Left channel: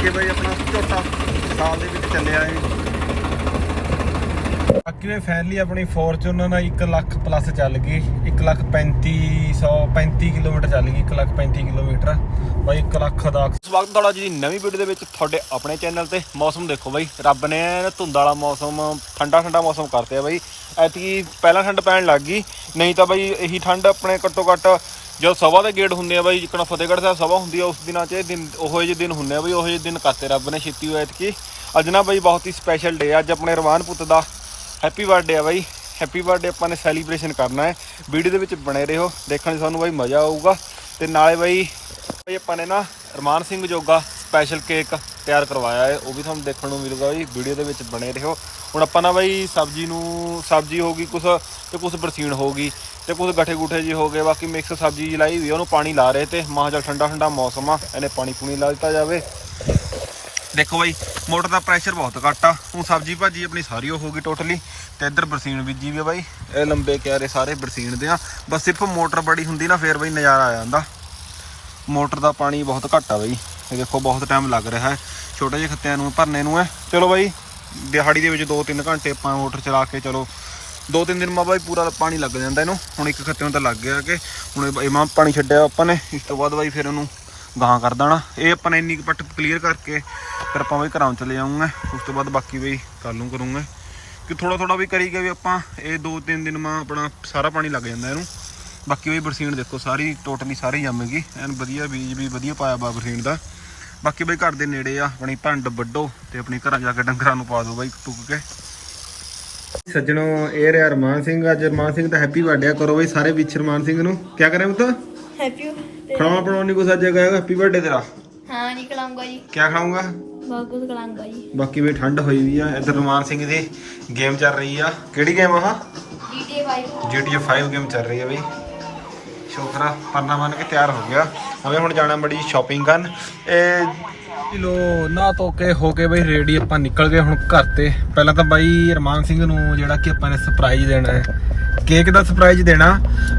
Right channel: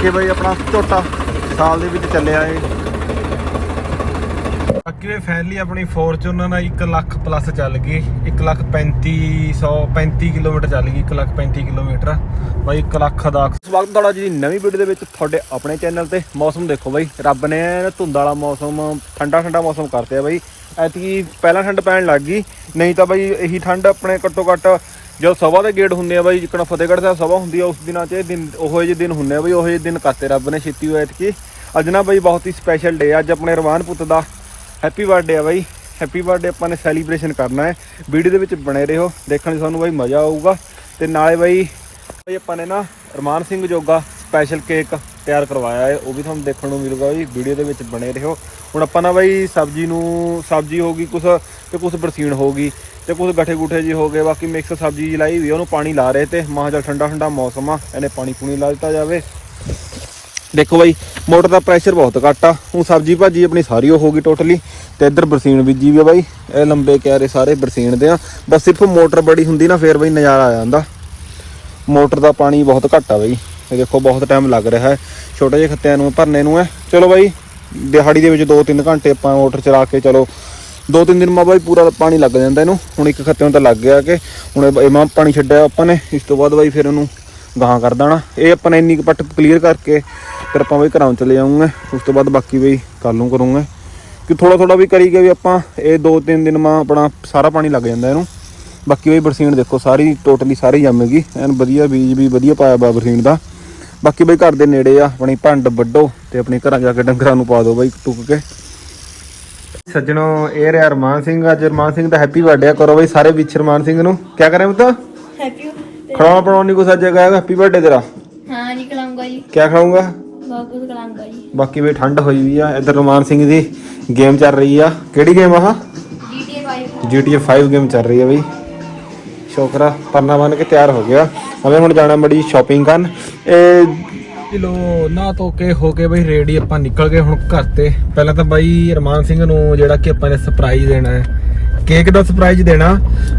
ਬਾਕੀ ਬਈ ਆਪਣਾ ਝੋਟਾ ਸਾਲ ਦੇ ਵਿੱਚ ਚੱਲਿਆ ਏ ਬਾਕੀ ਵੇ ਆਪਣੀ ਫੋਰਚੂਨਰ ਨਾਲ 1 ਲੱਖ ਪਲੱਸ ਚੱਲ ਗਈ। 1 ਲੱਖ 3500 35 ਕਿਲੋਮੀਟਰ ਚੱਲ ਗਈ 1 ਲੱਖ 35 ਕਿਲੋਮੀਟਰ। ਬਾਈ 1 ਲੱਖ ਦਾ ਸਵਾਗਤ ਤੁਹਾਡਾ ਜੀ ਨਵੀਂ ਵੀਡੀਓ ਦੇ ਵਿੱਚ ਤੁਹਾਡੇ ਆਪਣੇ ਚੈਨਲ ਤੇ। ਮੌਸਮ ਦੇਖੋ ਬਾਈ, ਰੱਬ ਨੇ ਧੁੰਦ ਵਾਲਾ ਮੌਸਮ, ਠੰਡਾ ਠੰਡਾ ਮੌਸਮ ਕਰਤੇ ਆ ਬਾਈ। ਐਤਕੀ ਪਹਿਲਾਂ ਠੰਡ ਪੈਣ ਲੱਗ ਗਈ, ਨਹੀਂ ਤਾਂ ਬਾਈ ਇਹੀ ਠੰਡ ਆਪਣੇ ਘੱਟੋ ਘੱਟ ਜਦੋਂ ਸਭਾ ਦੇ ਗੇੜ ਹੁੰਦੇ ਆ ਬਾਈ, ਜਿੱਕਣਾ ਫਤਿਹਗੜ੍ਹ ਸਾਹਿਬ ਸਭਾ ਹੁੰਦੀ ਆ, ਉਸ ਦਿਨਾਂ 'ਚ ਇਹ ਦਿਨ, ਉਹੋ ਜਿਹੇ ਦਿਨ ਹੁੰਦੇ ਆ ਬਾਈ, ਉਹੋ ਜਿਹੇ ਦਿਨ ਕਰਤੇ ਰੱਬ ਨੇ ਛੇਤੀ ਹੋਇਆ ਕਿ ਅੱਜ ਨਾ ਬਾਈ ਬਹੁਤ ਹੀ ਸਪੈਸ਼ਲ ਡੇ ਅੱਜ ਆਪਣੇ ਰਵਾਨ ਪੁੱਤ ਦਾ ਹੈਪੀ ਬਰਥਡੇ ਆ ਬਾਈ। ਹੈਪੀ ਬਰਥਡੇ ਆਪਾਂ ਨੇ ਸੈਲੀਬ੍ਰੇਸ਼ਨ ਕਰਨਾ ਹੈ। ਵੀਡੀਓ ਦੇ ਵਿੱਚ ਬਣੇ ਰਹੋ, ਦੇਖਣ 'ਚ ਤੁਹਾਨੂੰ ਬਾਈ ਮਜ਼ਾ ਆਊਗਾ। ਤੇ ਨਾਲੇ ਬਾਈ ਬਾਈ ਆਪਾਂ ਨੇ ਨਾ ਰਮਾਨ ਸਿੰਘ ਜੋਗਾ ਸਪੈਸ਼ਲ ਕੇਕ ਤਿਆਰ ਕਰਵਾਇਆ ਹੈ, ਉਹ ਵੀ ਤੁਹਾਨੂੰ ਦੇਖਣ ਨੂੰ ਮਿਲੂਗਾ ਜੀ ਵੀਡੀਓ ਦੇ ਵਿੱਚ ਬਣੇ ਰਹੋ। ਹੁਣ ਆਪਾਂ ਨਾ ਬਾਈ ਸਬਜ਼ੀ ਨੂੰ, ਸਬਜ਼ੀ ਹੋ ਗਈ ਕੁਛ ਤੇ ਕੁਛ ਬਰਸੀਨ ਹੋ ਗਈ। ਤੇ ਕੁਝ ਗੱਠੇ ਗੁੱਠੇ ਜੀ ਹੋ ਗਏ, ਬਾਕੀ ਮਿਕਸ ਸਬਜ਼ੀ ਜੀ ਲਾਈ ਵੀ, ਉਹਨੂੰ ਪਾਣੀ ਲਾ ਰਹੇ ਤੇ ਮਾਂ ਚੱਲ ਠੰਡਾ ਠੰਡਾ ਮੌਸਮ ਆ, ਇਹਨੇ ਪਾਣੀ ਪੂਣੀ ਲਾ ਦਿੱਤਾ ਜਾਵੇ। ਦੇਖੋ ਬਾਈ, ਮੋਟਰ ਦਾ ਪ੍ਰੈਸ਼ਰ ਬਹੁਤ ਘੱਟ ਆ, ਹੁਣ ਸਬਜ਼ੀ ਭਾਜੀ ਆਪਣੀ ਸਾਰੀ ਉਹ ਹੋ ਗਈ ਟੋਟਲੀ ਤੇ ਇੱਧਰ ਬਰਸੀਨ ਬੀਜੀ ਵੀ ਆ ਬਾਈ, ਇਹ ਲੰਬੇ ਕਿਆਰੇ ਸਾਰੇ ਬਰਸੀਨ ਦੇ ਆ, ਬਸ ਸਿਰਫ ਮੋਟਰ ਬੜੀ ਹੁੰਦੀ ਨਾ, ਫੇਰ ਬਾਈ ਨਜ਼ਾਰਾ ਆ ਜਾਂਦਾ। ਮੋਟਰ ਦਾ ਪਾਣੀ ਬਹੁਤ ਘੱਟ ਆ ਬਾਈ, ਇਹ ਦੇਖੋ ਬਹੁਤ ਟਾਈਮ ਲੱਗ ਰਿਹਾ ਹੈ, ਛੋਟੇ ਜਿਹੇ ਖੱਤਿਆਂ ਨੂੰ, ਭਰਨੇ ਨੂੰ ਹੈ। ਚਲੋ ਬਾਈ, ਦਿਹਾੜੀ ਦੇ ਵਿੱਚ 2-3 ਘੰਟੇ ਆਪਾਂ ਮੋਟਰ ਚਲਾ ਕੇ ਚਲੋ 2-3 ਦਿਨ ਮਾ ਬਾਈ ਪੂਰਾ ਪਾਣੀ ਲੱਗ ਜਾਂਦਾ ਇਹਨੂੰ। ਹੁਣ ਇੱਕ ਖੱਤੇ ਨੂੰ ਤਾਂ ਲੱਗ ਗਿਆ ਕਿ ਹੁਣ ਇਹ- ਮਾ ਪਾਣੀ ਛੱਡਿਆ ਆਪਾਂ ਨੇ। ਇਸ ਤੋਂ ਬਾਅਦ ਬਾਈ ਫਿਰ ਇਹਨੂੰ ਗਾਹਾਂ ਕਰ ਦੇਣਾ। ਇਹ ਆਪਾਂ ਨੇ ਇੰਨੀ ਕੁ ਪੱਟ ਕਲੀਅਰ ਕਰਕੇ ਫਿਰ ਆਪਾਂ ਬਾਈ ਘਰਾਂ ਚਲੇ ਜਾਵਾਂਗੇ ਉਸ ਤੋਂ ਬਾਅਦ ਬਾਕੀ ਬਈ ਕੱਲ ਨੂੰ ਕਰੂੰਗੇ। ਕਿ ਥੋੜਾ ਥੋੜਾ ਵੀ ਕਰੀ ਗਏ ਵੀ ਆਪਾਂ ਇਹ 2-3 ਦਿਨ ਮਾ ਆਪਣਾ ਸਾਰਾ ਪਾਣੀ ਲੱਗ ਜਾਂਦਾ ਇਹਨੂੰ। ਬਾਕੀ ਬਾਈ ਬਰਸੀਨ ਦੇਖੋ, ਸਾਰੀ ਟੋਟਲੀ ਸਾਰੀ ਜੰਮੇਗੀ। ਐਨ ਵਧੀਆ ਬੀਜ ਵੀ ਵਧੀਆ ਪਾਇਆ ਬਾ ਬਰਸੀਨ ਦਾ। ਬਾਕੀ ਬਾਈ ਘਰ ਦੇ ਨੇੜੇ ਆ, ਆਪਣੀ ਭੰਡ ਵੱਡੋ ਤੇ ਆਪਣੇ ਘਰਾਂ ਜਾ ਕੇ ਡੰਗਰਾਂ ਨੂੰ ਪਾ ਦਿਓ ਬਾਈ ਟੁੱਕ ਕੇ। ਸੱਜਣੋ ਇਹ ਰਿਹਾ ਅਰਮਾਨ ਸਿੰਘ। ਅੱਜ ਅਰਮਾਨ ਸਿੰਘ ਦਾ ਹੈਪੀ ਬਰਥਡੇ ਕਰੋ ਬਈ ਸਾਰੇ ਵਿੱਚ ਅਰਮਾਨ ਸਿੰਘ ਨੂੰ। ਕੀ ਕਰਾਂ ਬਤਾ ਹੈਪੀ ਖਾਣਾ ਬਣਾਉਣੀ ਕੋ ਸੱਜ ਗਿਆ ਹੈਪੀ ਬਰਥਡੇ ਤੇਰਾ। ਹਾਂ ਜੀ ਖਲਾਉਂਗਾ ਜੀ। ਕੀ ਖਾਉਂਗਾ ਬਹੁਤ ਕੁਝ ਜੀ। ਬਾਕੀ ਵੀ ਠੰਡ ਹੋਈ ਵੀ ਆ। ਇਧਰ ਅਰਮਾਨ ਸਿੰਘ ਦੀ ਗੇਮ ਚੱਲ ਰਹੀ ਆ। ਕਿਹੜੀ ਗੇਮ ਆ GTA 5 ਗੇਮ ਚੱਲ ਰਹੀ ਆ ਬਈ। ਸ਼ੋਕਰਾ ਪਰਨਾ ਬਣ ਕੇ ਤਿਆਰ ਹੋ ਗਿਆ। ਹਮੇ ਹੁਣ ਜਾਣਾ ਮੜੀ ਸ਼ਾਪਿੰਗ ਕਰਨ। ਇਹ ਕਿਲੋ ਨਾ ਧੋ ਕੇ ਹੋ ਕੇ ਬਈ ਰੇਡੀ ਆਪਾਂ ਨਿਕਲ ਗਏ ਹੁਣ ਘਰ ਤੇ। ਪਹਿਲਾਂ ਤਾਂ ਬਾਈ ਰਮਾਨ ਸਿੰਘ ਨੂੰ ਜਿਹੜਾ ਕਿ ਆਪਾਂ ਨੇ ਸਰਪ੍ਰਾਈਜ਼ ਦੇਣਾ ਹੈ। ਕੇਕ ਦਾ ਸਰਪ੍ਰਾਈਜ਼ ਦੇਣਾ।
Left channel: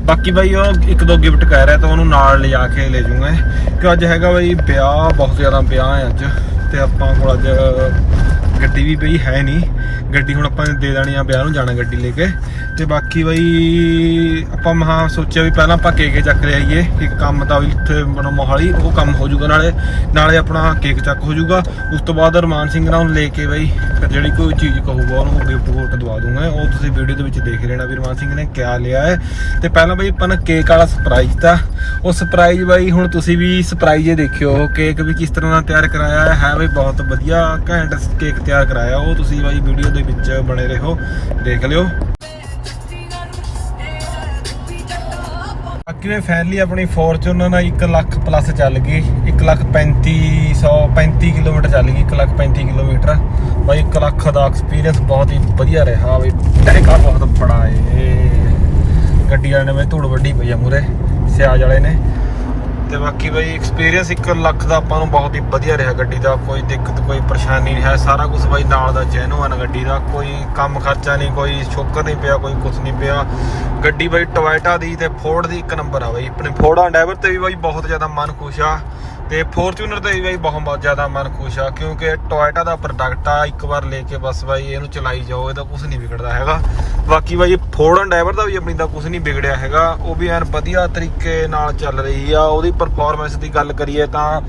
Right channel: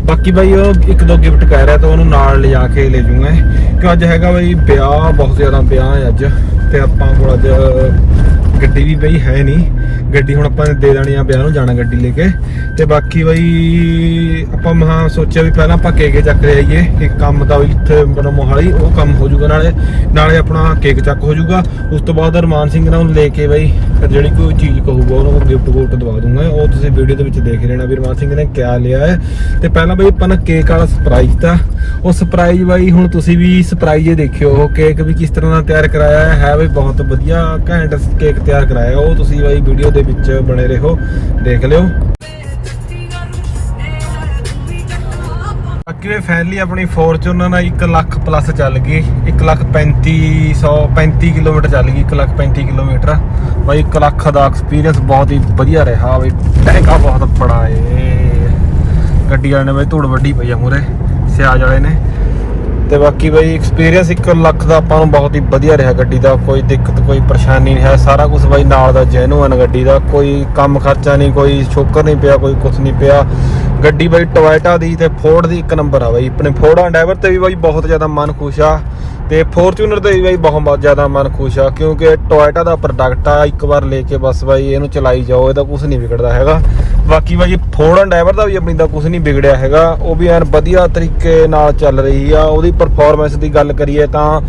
ਬਾਕੀ ਬਾਈ ਉਹ ਇੱਕ ਦੋ ਗਿਫਟ ਕਹਿ ਰਿਹਾ ਤਾਂ ਉਹਨੂੰ ਨਾਲ ਲਿਜਾ ਕੇ ਲੈ ਜੂਗਾ ਕਿ ਅੱਜ ਹੈਗਾ ਬਾਈ ਵਿਆਹ, ਬਹੁਤ ਜ਼ਿਆਦਾ ਵਿਆਹ ਹੈ ਅੱਜ। ਤੇ ਆਪਾਂ ਕੋਲ ਅੱਜ ਗੱਡੀ ਵੀ ਬਈ ਹੈ ਨਹੀਂ। ਗੱਡੀ ਹੁਣ ਆਪਾਂ ਦੇ ਦੇਣੀ ਆ ਵਿਆਹ ਨੂੰ ਜਾਣਾ ਗੱਡੀ ਲੈ ਕੇ। ਤੇ ਬਾਕੀ ਬਈ ਆਪਾਂ ਮਹਾ ਸੋਚਿਆ ਵੀ ਪਹਿਲਾਂ ਆਪਾਂ ਕੇਕ ਚੱਕ ਲੈ ਆਈਏ ਕਿ ਕੰਮ ਦਾ ਵੀ ਇੱਥੇ ਬਣਾ ਮੋਹਾਲੀ, ਉਹ ਕੰਮ ਹੋ ਜਾਊਗਾ ਨਾਲੇ। ਨਾਲੇ ਆਪਣਾ ਕੇਕ ਚੱਕ ਹੋ ਜਾਊਗਾ। ਉਸ ਤੋਂ ਬਾਅਦ ਰਮਾਨ ਸਿੰਘ ਨਾਲ ਲੈ ਕੇ ਬਈ ਫਿਰ ਜਿਹੜੀ ਕੋਈ ਚੀਜ਼ ਕਹੂਗਾ ਉਹਨੂੰ ਗਿਫਟ ਗੁਫਟ ਦਵਾ ਦੂੰਗਾ। ਉਹ ਤੁਸੀਂ ਵੀਡੀਓ ਦੇ ਵਿੱਚ ਦੇਖ ਲੈਣਾ ਵੀ ਰਮਾਨ ਸਿੰਘ ਨੇ ਕਿਆ ਲਿਆ ਹੈ। ਤੇ ਪਹਿਲਾਂ ਬਈ ਆਪਾਂ ਨੇ ਕੇਕ ਵਾਲਾ ਸਰਪ੍ਰਾਈਜ਼ ਤਾਂ ਉਹ ਸਰਪ੍ਰਾਈਜ਼ ਬਾਈ, ਹੁਣ ਤੁਸੀਂ ਵੀ ਸਰਪ੍ਰਾਈਜ਼ ਹੀ ਦੇਖਿਓ, ਉਹ ਕੇਕ ਵੀ ਕਿਸ ਤਰ੍ਹਾਂ ਦਾ ਤਿਆਰ ਕਰਾਇਆ ਹੈ। ਬਈ ਬਹੁਤ ਵਧੀਆ, ਘੈਂਟ ਕੇਕ ਤਿਆਰ ਕਰਾਇਆ। ਉਹ ਤੁਸੀਂ ਬਾਈ ਵੀਡੀਓ ਦੇ ਵਿੱਚ ਬਣੇ ਰਹੋ। ਦੇਖ ਲਿਓ। ਬਾਕੀ ਨੇ ਆਪਣੀ ਫੋਰਚੂਨਰ ਨਾਲ 1 ਲੱਖ ਪਲੱਸ ਚੱਲ ਗਈ। 1 ਲੱਖ 3500 35 ਕਿਲੋਮੀਟਰ ਚੱਲ ਗਈ। 1 ਲੱਖ 35 ਕਿਲੋਮੀਟਰ। ਬਾਈ 1 ਲੱਖ ਦਾ ਐਕਸਪੀਰੀਅੰਸ ਬਹੁਤ ਹੀ ਵਧੀਆ ਰਿਹਾ। ਬਈ ਟੈਂਕਾ ਬਹੁਤ ਬੜਾ ਏ। ਗੱਡੀ ਵਾਲੇ ਨੇ ਬਈ ਧੂੜ ਵੱਡੀ ਪਈ ਆ ਮੂਰੇ ਸਿਆਜ ਵਾਲੇ ਨੇ। ਤੇ ਬਾਕੀ ਬਈ ਐਕਸਪੀਰੀਅੰਸ 1 ਲੱਖ ਦਾ ਆਪਾਂ ਨੂੰ ਬਹੁਤ ਹੀ ਵਧੀਆ ਰਿਹਾ ਗੱਡੀ ਦਾ, ਕੋਈ ਦਿੱਕਤ, ਕੋਈ ਪਰੇਸ਼ਾਨੀ ਨਹੀਂ ਹੈ। ਸਾਰਾ ਕੁਝ ਬਾਈ ਨਾਲ ਦਾ ਜੈਨੂਅਨ ਗੱਡੀ ਦਾ, ਕੋਈ ਕੰਮ ਖਰਚਾ ਨਹੀਂ, ਕੋਈ ਸ਼ੋਕਰ ਨਹੀਂ ਪਿਆ, ਕੋਈ ਕੁਝ ਨਹੀਂ ਪਿਆ। ਗੱਡੀ ਬਾਈ ਟੋਇਟਾ ਦੀ ਤੇ ਫੋਰਡ ਦੀ ਇੱਕ ਨੰਬਰ ਆ ਬਾਈ। ਆਪਣੇ ਫੋਰਡ ਡਰਾਈਵਰ ਤੇ ਵੀ ਬਾਈ ਬਹੁਤ ਜ਼ਿਆਦਾ ਮਨ ਖੁਸ਼ ਆ। ਤੇ ਫੋਰਚੂਨਰ ਤੇ ਵੀ ਬਾਈ ਬਹੁਤ ਜ਼ਿਆਦਾ ਮਨ ਖੁਸ਼ ਆ, ਕਿਉਂਕਿ ਟੋਇਟਾ ਦਾ ਪ੍ਰੋਡਕਟ ਆ, ਇੱਕ ਵਾਰ ਲੈ ਕੇ ਬਸ ਬਾਈ ਇਹਨੂੰ ਚਲਾਈ ਜਾਓ, ਇਹਦਾ ਕੁਝ ਨਹੀਂ ਵਿਗੜਦਾ ਹੈਗਾ। ਬਾਕੀ ਬਾਈ ਫੋਰਡ ਡਰਾਈਵਰ ਦਾ ਵੀ ਆਪਣੀ ਦਾ ਕੁਝ ਨਹੀਂ ਵਿਗੜਿਆ ਹੈਗਾ, ਉਹ ਵੀ ਐਨ ਵਧੀਆ ਤਰੀਕੇ ਨਾਲ ਚੱਲ ਰਹੀ ਆ, ਉਹਦੀ ਪਰਫਾਰਮੈਂਸ ਦੀ ਗੱਲ ਕਰੀਏ ਤਾਂ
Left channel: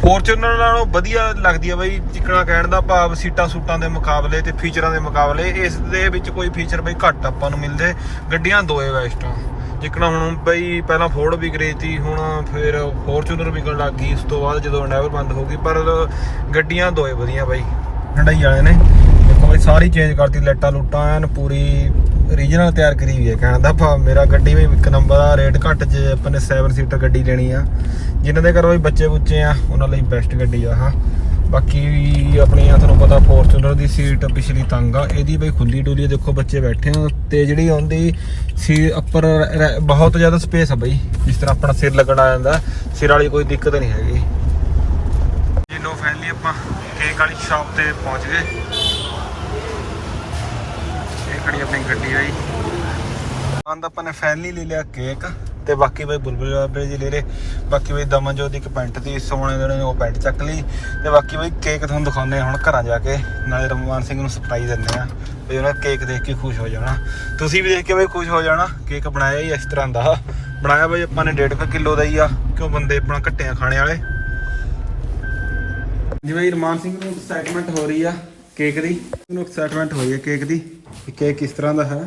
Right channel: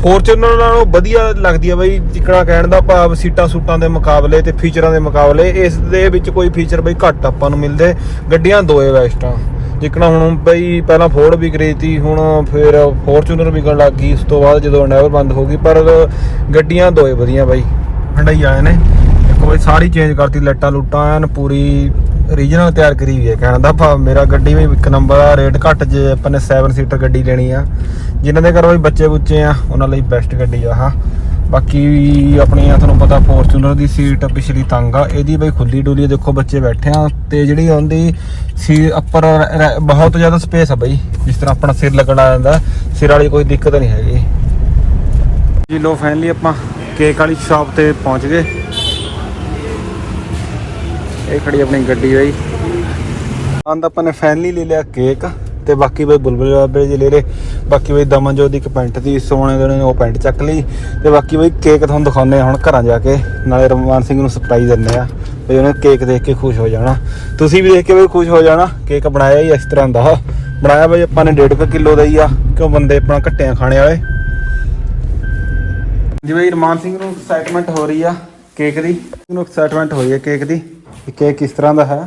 ਫੋਰਚੂਨਰ ਨਾਲੋਂ ਵਧੀਆ ਲੱਗਦੀ ਆ ਬਾਈ, ਜਿਕਣਾ ਕਹਿਣ ਦਾ ਭਾਵ ਸੀਟਾਂ ਸੂਟਾਂ ਦੇ ਮੁਕਾਬਲੇ ਤੇ ਫੀਚਰਾਂ ਦੇ ਮੁਕਾਬਲੇ, ਇਸ ਦੇ ਵਿੱਚ ਕੋਈ ਫੀਚਰ ਬਈ ਘੱਟ ਆਪਾਂ ਨੂੰ ਮਿਲਦੇ, ਗੱਡੀਆਂ ਦੋਏ ਵੈਸਟ ਆ। ਜਿੱਕਣਾ ਹੁਣ ਬਈ ਪਹਿਲਾਂ ਫੋਰਡ ਵੀ ਰਹੀ ਸੀ ਹੁਣ ਫਿਰ ਫੋਰਚੂਨਰ ਵਿਕਣ ਲੱਗ ਗਈ, ਉਸ ਤੋਂ ਬਾਅਦ ਜਦੋਂ ਡਰਾਈਵਰ ਬੰਦ ਹੋ ਗਈ, ਪਰ ਗੱਡੀਆਂ ਦੋਏ ਵਧੀਆ ਬਾਈ ਹੰਡਾਈ ਵਾਲੇ ਨੇ। ਦੇਖੋ ਬਈ ਸਾਰੀ ਚੇਂਜ ਕਰਤੀ, ਲਾਈਟਾਂ ਲੂਟਾਂ ਐਨ ਪੂਰੀ ਰੀਜਨਲ ਤਿਆਰ ਕਰੀ ਹੋਈ ਹੈ, ਕਹਿਣ ਦਾ ਭਾਵ ਮੇਰਾ ਗੱਡੀ ਵੀ ਇੱਕ ਨੰਬਰ ਆ ਰੇਟ ਘੱਟ ਜੇ ਆਪਾਂ ਨੇ 7 ਸੀਟਰ ਗੱਡੀ ਲੈਣੀ ਆ। ਜਿਨ੍ਹਾਂ ਦੇ ਘਰ ਬਈ ਬੱਚੇ ਬੁੱਚੇ ਆ, ਉਹਨਾਂ ਲਈ ਬੈਸਟ ਗੱਡੀ ਆ, ਹਾਂ। ਬਾਕੀ ਆਪਣੀ ਆ ਤੁਹਾਨੂੰ ਪਤਾ ਫੋਰਚੂਨਰ ਦੀ ਸੀਟ ਪਿਛਲੀ ਤੰਗ ਆ, ਇਹਦੀ ਬਈ ਖੁੱਲੀ ਡੁੱਲੀ ਦੇਖੋ ਬੱਚੇ ਬੈਠੇ ਆ, ਤੇ ਜਿਹੜੀ ਉਹਦੀ ਸੀ ਉੱਪਰ ਬਹੁਤ ਜ਼ਿਆਦਾ ਸਪੇਸ ਆ ਬਈ, ਜਿਸ ਤਰ੍ਹਾਂ ਆਪਣਾ ਸਿਰ ਲੱਗਣ ਆ ਜਾਂਦਾ ਸਿਰ ਵਾਲੀ ਕੋਈ ਦਿੱਕਤ ਨਹੀਂ ਹੈਗੀ। ਜੀ ਲੋ ਫਾਈਨਲੀ ਆਪਾਂ ਕੇਕ ਵਾਲੀ ਸ਼ਾਪ ਤੇ ਪਹੁੰਚ ਗਏ। ਇਹ ਖੜੀ ਆਪਣੀ ਗੱਡੀ ਬਈ। ਆਂਦਾ ਆਪਾਂ ਨੇ ਫਾਈਨਲੀ ਲੈ ਲਿਆ ਕੇਕ ਤੇ ਬਾਕੀ ਬਈ ਬੁਲਬੁਲ ਬਾਬੇ ਜੀ ਲੈ ਲੈ ਬਾਕੀ ਬਈ ਦਮਨਜੋਤ ਦੀ ਇੱਕ ਪੈਂਟ ਦੀ ਸੋਨੇ ਦੇ ਉਹ ਪੈਂਟ ਚੱਕ ਲਈ ਤੇ ਬਾਕੀ ਬਈ ਕੇਕ ਤੁਹਾਨੂੰ ਦਿਖਾਉਂਦੇ ਹੁਣ ਘਰਾਂ ਜਾ ਕੇ, ਨਾਲੇ ਰਮਵਾਨ ਸਿੰਘ ਨੂੰ ਸਰਪ੍ਰਾਈਜ਼ ਦਿੰਦੇ ਆ ਬਈ ਉਹਨੇ ਕੇਕ ਦੇਖ ਕੇ ਖੁਸ਼ ਹੋ ਜਾਣਾ। ਤੁਸੀਂ ਵੀ ਦੇਖ ਕੇ ਬਈ ਖੁਸ਼ ਹੋ ਜਾਣਾ, ਕੇਕ ਬਣਾਇਆ ਹੀ ਇਸ ਤਰ੍ਹਾਂ ਦਾ। ਬਣਾਇਆ ਬਈ ਆਪਾਂ ਨੇ 1.5 ਕਿਲੋ ਦਾ ਹੀ ਆ, ਕਿਉਂ ਬੰਦੇ ਆਪਣਾ ਘੱਟਿਆਂ ਖਾਣੇ ਵਾਲੇ। ਜਿਵੇਂ ਰਮਾਨ ਸਿੰਘ ਨੂੰ ਐਕਸਾਈਟਮੈਂਟ ਹੋ ਰਹੀ ਆ ਕੇਕ ਦੀ, ਨੂੰ ਐਕਸਾਈਟਮੈਂਟ ਹੋਈ ਹੈ ਕੇਕ ਦੀ ਕਿ ਕੇਕ ਕਿਸ ਤਰ੍ਹਾਂ ਦਾ ਹੈ।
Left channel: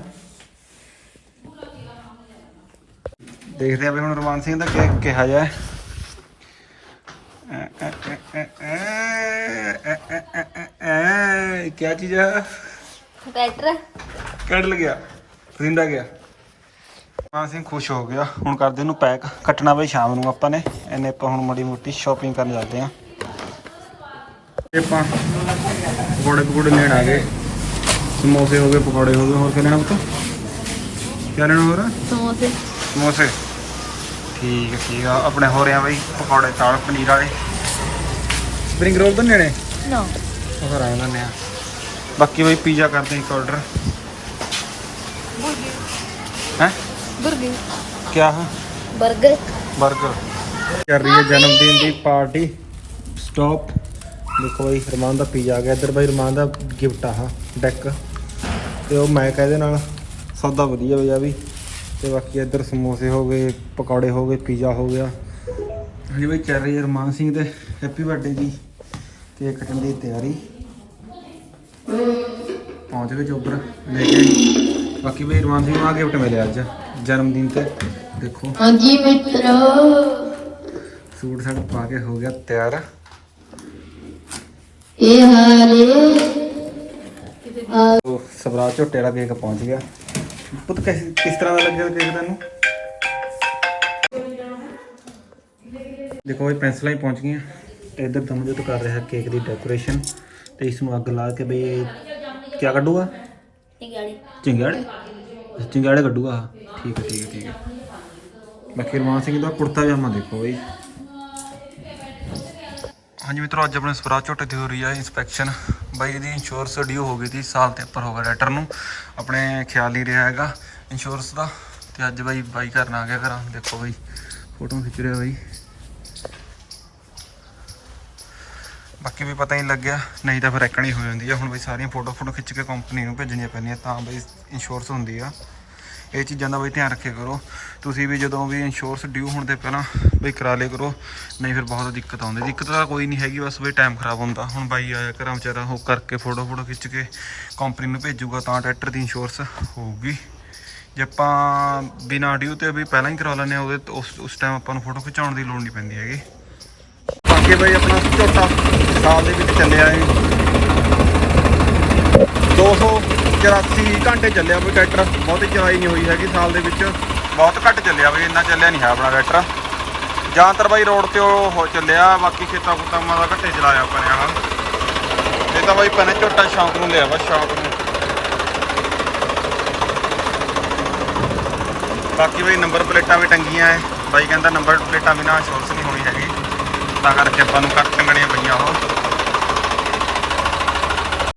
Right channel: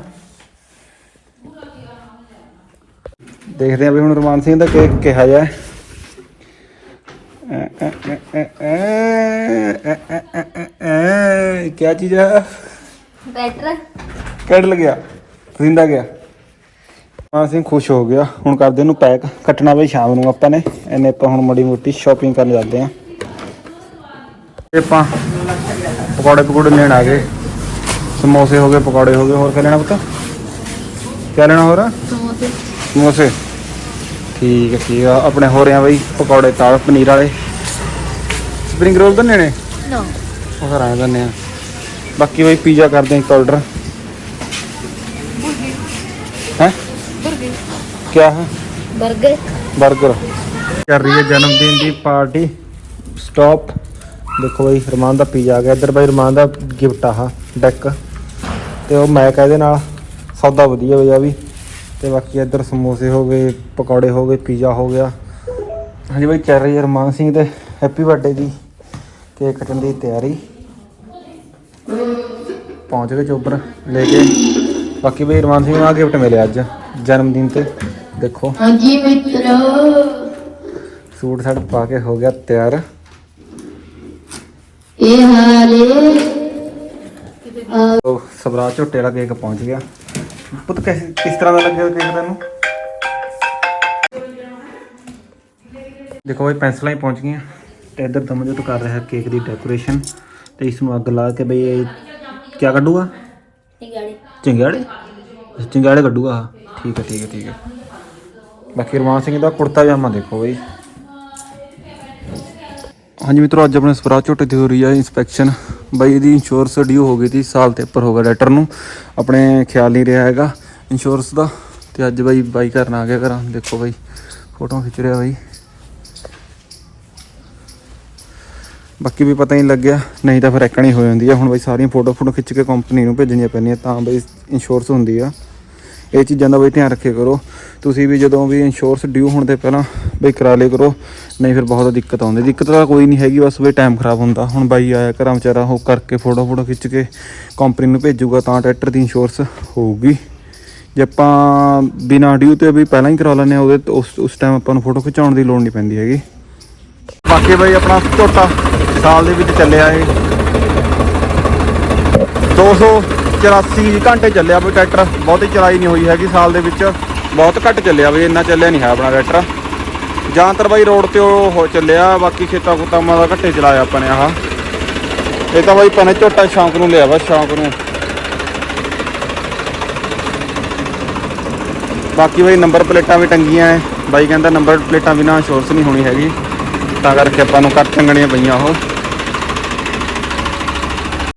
ਦੇਖਦੇ ਆ ਵੀ ਹੁਣ ਰਮਾਨ ਸਿੰਘ ਦਾ ਕੇਕ ਕਿਹਾ ਜਾ ਕੀ ਚੀਜ਼ ਹੈ ਬੈਟਰ ਕੱਢ ਲੱਗਿਆ ਪਰਿੰਦਾ ਗਿਆ ਰਮਾਨ ਸਿੰਘ ਖੁਸ਼ ਹੋ ਗਿਆ ਹੁਣ ਕਰਦੇ ਇਹਨੂੰ ਪੈਕ ਕੱਟਣਾ ਬਈ ਸ਼ਾਮ ਨੂੰ ਆਪਾਂ ਨੇ ਇਹਨੇ ਆਪਾਂ ਹੁਣ ਮੜੀ ਮੋਟੀ ਸ਼ਾਪਿੰਗ ਕਰਨ ਜਾਂਦੇ ਆ ਆਪਾਂ ਪਕੌੜੇ ਪਕੌੜੇ ਲੈਣ ਆ ਗਏ ਸਮੋਸੇ ਹੋ ਗਏ ਪਕੌੜੇ ਹੋ ਗਏ ਹੋਰ ਕੀ ਲੈਣਾ ਪੁੱਤ ਕੀ ਲੈਣਾ ਹੋਰ ਸਮੋਸੇ ਸਮੋਸੇ ਠੀਕ ਹੈ ਠੀਕ ਆ। ਆਪਣੇ ਹੋ ਰਹੇ ਆ ਬਈ ਪਕੌੜੇ ਤਾਲ ਪਨੀਰ ਵਾਲੇ। ਸਪਰਿੰਗ ਰੋਲ ਤਾਂ ਨੇ? ਨੋ। ਉਹ ਫਿਰ ਆਏ ਦੰਨੇ ਆ। ਬਾਕੀ ਬਈ ਪੀਜ਼ਾ ਕਰਦੇ ਇੱਕ ਆਰਡਰ ਹੈ? ਕੀ ਹੈ ਬਰਗਰ। 버ਗਰ ਕਰ ਰਹੀ ਹੈ ਜਨਮ ਦਿਨ ਦੀ ਪਾਰਟੀ। ਸਟਾਪ ਦੇਖੋ ਬਈ ਰਮਾਨ ਦਾ ਪੀਜ਼ਾ ਆ ਗਿਆ। ਇੱਧਰ ਬਈ ਰਮਾਨ ਦਾ ਗਿਫਟ ਆਹ ਡੈਕ ਤੇ ਉਹ ਮੈਕ ਇਹਦੇ ਨਾਲ। ਸੌਦਾ ਵਧੀਆ ਹੋਇਆ ਵੀ। ਤੇ ਬਾਕੀ ਇੱਧਰ ਸਮੋਸੇ ਹੋ ਗਏ ਪਕੌੜੇ ਹੋ ਗਏ ਪੀਜ਼ਾ ਹੋ ਗਿਆ। ਹਾਂਜੀ ਬਈ ਚੱਲ ਰਹੀ ਹੈ ਰਮਾਨ ਸਿੰਘ ਦੇ ਹੈਪੀ ਬਰਥਡੇ ਦੀ ਕੇਕ ਕੱਟਣ ਦੀ ਤਿਆਰੀ। ਪਹੁੰਚ ਗਏ ਚੋਬਰ ਲੈ ਕੇ। ਬਾਕੀ ਬਈ ਰਮਾਨ ਸਿੰਘ ਨੂੰ ਆ ਗਿਫਟ ਮਿਲਿਆ ਅੱਜ ਜਨਮ ਦਿਨ ਤੇ। ਦੇਖੋ। ਹਾਂਜੀ ਮਿੱਤਰੋ। ਸੂਟ ਸਾਟ ਪਾ ਕੇ ਹੋ ਗਿਆ ਤਿਆਰ। ਇਹ ਹਾਲੇ ਸਵਰਾਜ ਝੋਟੇ ਵਾਲਾ ਕੇਕ ਪਹੁੰਚ ਗਿਆ। ਪੁੱਤ ਕਿਸ ਕਿਸ ਤਰ੍ਹਾਂ ਦਾ ਲੱਗਿਆ ਕੇਕ ਤੈਨੂੰ? ਦੇਖੋ ਇਹ ਪੈਨਸਲਾਂ ਹੀ ਪਹੁੰਚ ਗਈਆਂ। ਤੇ ਇੱਧਰ ਦਮਜੋਤ ਕਰ ਰਿਹਾ ਕੇਕ ਦੀ ਡੈਕੋਰੇਸ਼ਨ। ਤੇ ਇਸ ਨੂੰ ਅੱਗ ਲਾ ਕੇ ਬਈ ਇਹ ਕੀ ਕੱਢੂਗਾ? ਚਿੰਗਾੜੇ। ਅੱਛਾ, ਚਿੰਗਾੜੇ ਕੱਢੂਗਾ। ਠੀਕ ਹੈ ਠੀਕ ਹੈ ਠੀਕ ਹੈ। ਬਾਕੀ ਰਮਾਨ ਸਿੰਘ ਦਾ ਕੁੜਤਾ ਪਜਾਮਾ ਦੇਖੋ ਬਈ। ਹਾਂਜੀ ਮਿੱਤਰੋ ਅੱਜ ਆਪਣੇ ਸਵਰਾਜ ਝੋਟੇ ਦੀ ਹੋ ਰਹੀ ਹੈ ਇਨਸਪੈਕਸ਼ਨ ਬਾਈ, ਇਹਦੀ ਇੰਸ਼ੋਰੈਂਸ ਡਿਊ ਹੋ ਗਈ ਸੀ ਸਾਲ ਤੇ ਉੱਪਰ ਹੋ ਗਿਆ ਲੈਟਰ ਨੂੰ। ਆਪਣੇ ਖਿਆਲ ਨਹੀਂ ਰਿਹਾ ਹੈਗਾ ਇੰਸ਼ੋਰੈਂਸ ਦਾ। ਤੇ ਅੱਜ ਬਾਈ ਬਾਈ ਕਰਨ ਆ ਗਿਆ ਘਰਾਂ। ਦੇਖੋ ਬਾਈ ਫੋਟੋ ਖਿੱਚ ਰਿਹਾ ਬਾਈ। ਬਾਕੀ ਵੀ ਪਤਾ ਨਹੀਂ ਲੱਗਿਆ। ਨਹੀਂ ਤਾਂ ਫਿਰ ਐਕਣੀ ਹੋ ਜਾਂਦੀ ਆ। ਹੁਣ ਬਾਈ ਸਾਰੀਆਂ ਫੋਟੋ ਫੋਟੋ ਖਿੱਚ ਕੇ ਕੰਪਨੀ ਨੂੰ ਭੇਜਣੀਆਂ ਪੈਂਦੀਆਂ। ਤਾਂ ਬਾਈ ਇੰਸ਼ੋਰੈਂਸ ਹੁੰਦੀ ਆ। ਇਹ ਚੀਜ਼ਾਂ ਦਾ ਬਈ ਧਿਆਨ ਰੱਖਿਆ ਕਰੋ। ਤੁਸੀਂ ਵੀ ਜਦੋਂ ਵੀ ਇੰਸ਼ੋਰੈਂਸ ਡਿਊ ਹੋਣ ਤੇ ਪਹਿਲਾਂ ਬਈ ਕਰਾ ਲਿਆ ਕਰੋ, ਨਹੀਂ ਫਿਰ ਬਹੁਤ ਦਿੱਕਤ ਆਉਂਦੀ। ਦਿੱਕਤ ਤਾਂ ਕੋਈ ਨਹੀਂ ਹੈਗੀ, ਬਸ ਬਈ ਟਾਈਮ ਖਰਾਬ ਹੁੰਦਾ। ਹੁਣ ਬਾਈ ਆਇਆ ਘਰਾਂ ਵਿਚਾਰਾ, ਉਹ ਕਰਕੇ ਫੋਟੋ ਫੋਟੋ ਖਿੱਚ ਕੇ ਕੰਪਨੀ ਨੂੰ ਭੇਜੂਗਾ, ਤਾਂ ਟਰੈਕਟਰ ਦੀ ਇੰਸ਼ੋਰੈਂਸ ਹੋਊਗੀ। ਜੇ ਆਪਾਂ ਬਿਨਾਂ ਡਿਊ ਤੇ ਵੀ ਪਹਿਲਾਂ ਹੀ ਕਰਾ ਲੈਂਦੇ ਆ ਉਹਦੇ ਉਸ ਉਸ ਟਾਈਮ ਆਪਾਂ ਨੂੰ ਫੋਟੋ ਖਿਚਾਉਣ ਦੀ ਲੋੜ ਨਹੀਂ ਪੈਂਦੀ ਹੈਗੀ। ਬਾਕੀ ਬਈ ਆਪਣਾ ਝੋਟਾ, ਸਾਲ ਦੇ ਵਿੱਚ ਚੱਲਿਆ ਇਹ। 284 ਘੰਟੇ ਚੱਲਿਆ ਵੀ ਟਰੈਕਟਰ, ਬਹੁਤੀ ਚਲਾਈ ਨਹੀਂ ਹੋਈ ਹੈਗੀ ਸਾਲ ਦੇ ਵਿੱਚ, ਬਹੁਤ ਘੱਟ ਚੱਲਿਆ ਵੀ, ਇੰਨਾ ਚੱਲਿਆ ਨਹੀਂ ਹੈ ਆਪਣਾ ਟਰੈਕਟਰ। ਜ਼ਿਆਦਾਤਰ ਬਾਈ ਰੋਡ ਤੇ ਉਹ ਚੱਲਿਆ, ਬਾਕੀ ਖੇਤਾਂ ਖੁੱਤਾਂ ਦਾ ਘੱਟੇ ਚਲਾਇਆ ਆਪਾਂ ਨੇ ਆਹ। ਇਹ ਤਾਂ ਬਾਈ ਪਨੇ ਝੋਟਾ ਸ਼ੌਂਕ ਨੂੰ ਲਿਆ ਵਾ, ਸ਼ੌਂਕ ਨੂੰ। ਬਾਕੀ ਬਾਈ ਨੰਬਰ ਪਲੇਟਾਂ ਵੀ ਟੰਗੀਆਂ ਐ। ਬਾਈ ਕਹਿੰਦਾ ਨੰਬਰ ਪਲੇਟਾਂ ਬਿਨਾਂ ਸ਼ੋਰਸ ਨਹੀਂ ਹੋਣੀ ਹੈਗੀ। ਤਾਂ ਕਰਕੇ ਆਪਾਂ ਨੂੰ ਕੱਟ ਟੰਗਣੀਆਂ ਪਈਆਂ ਉਹ।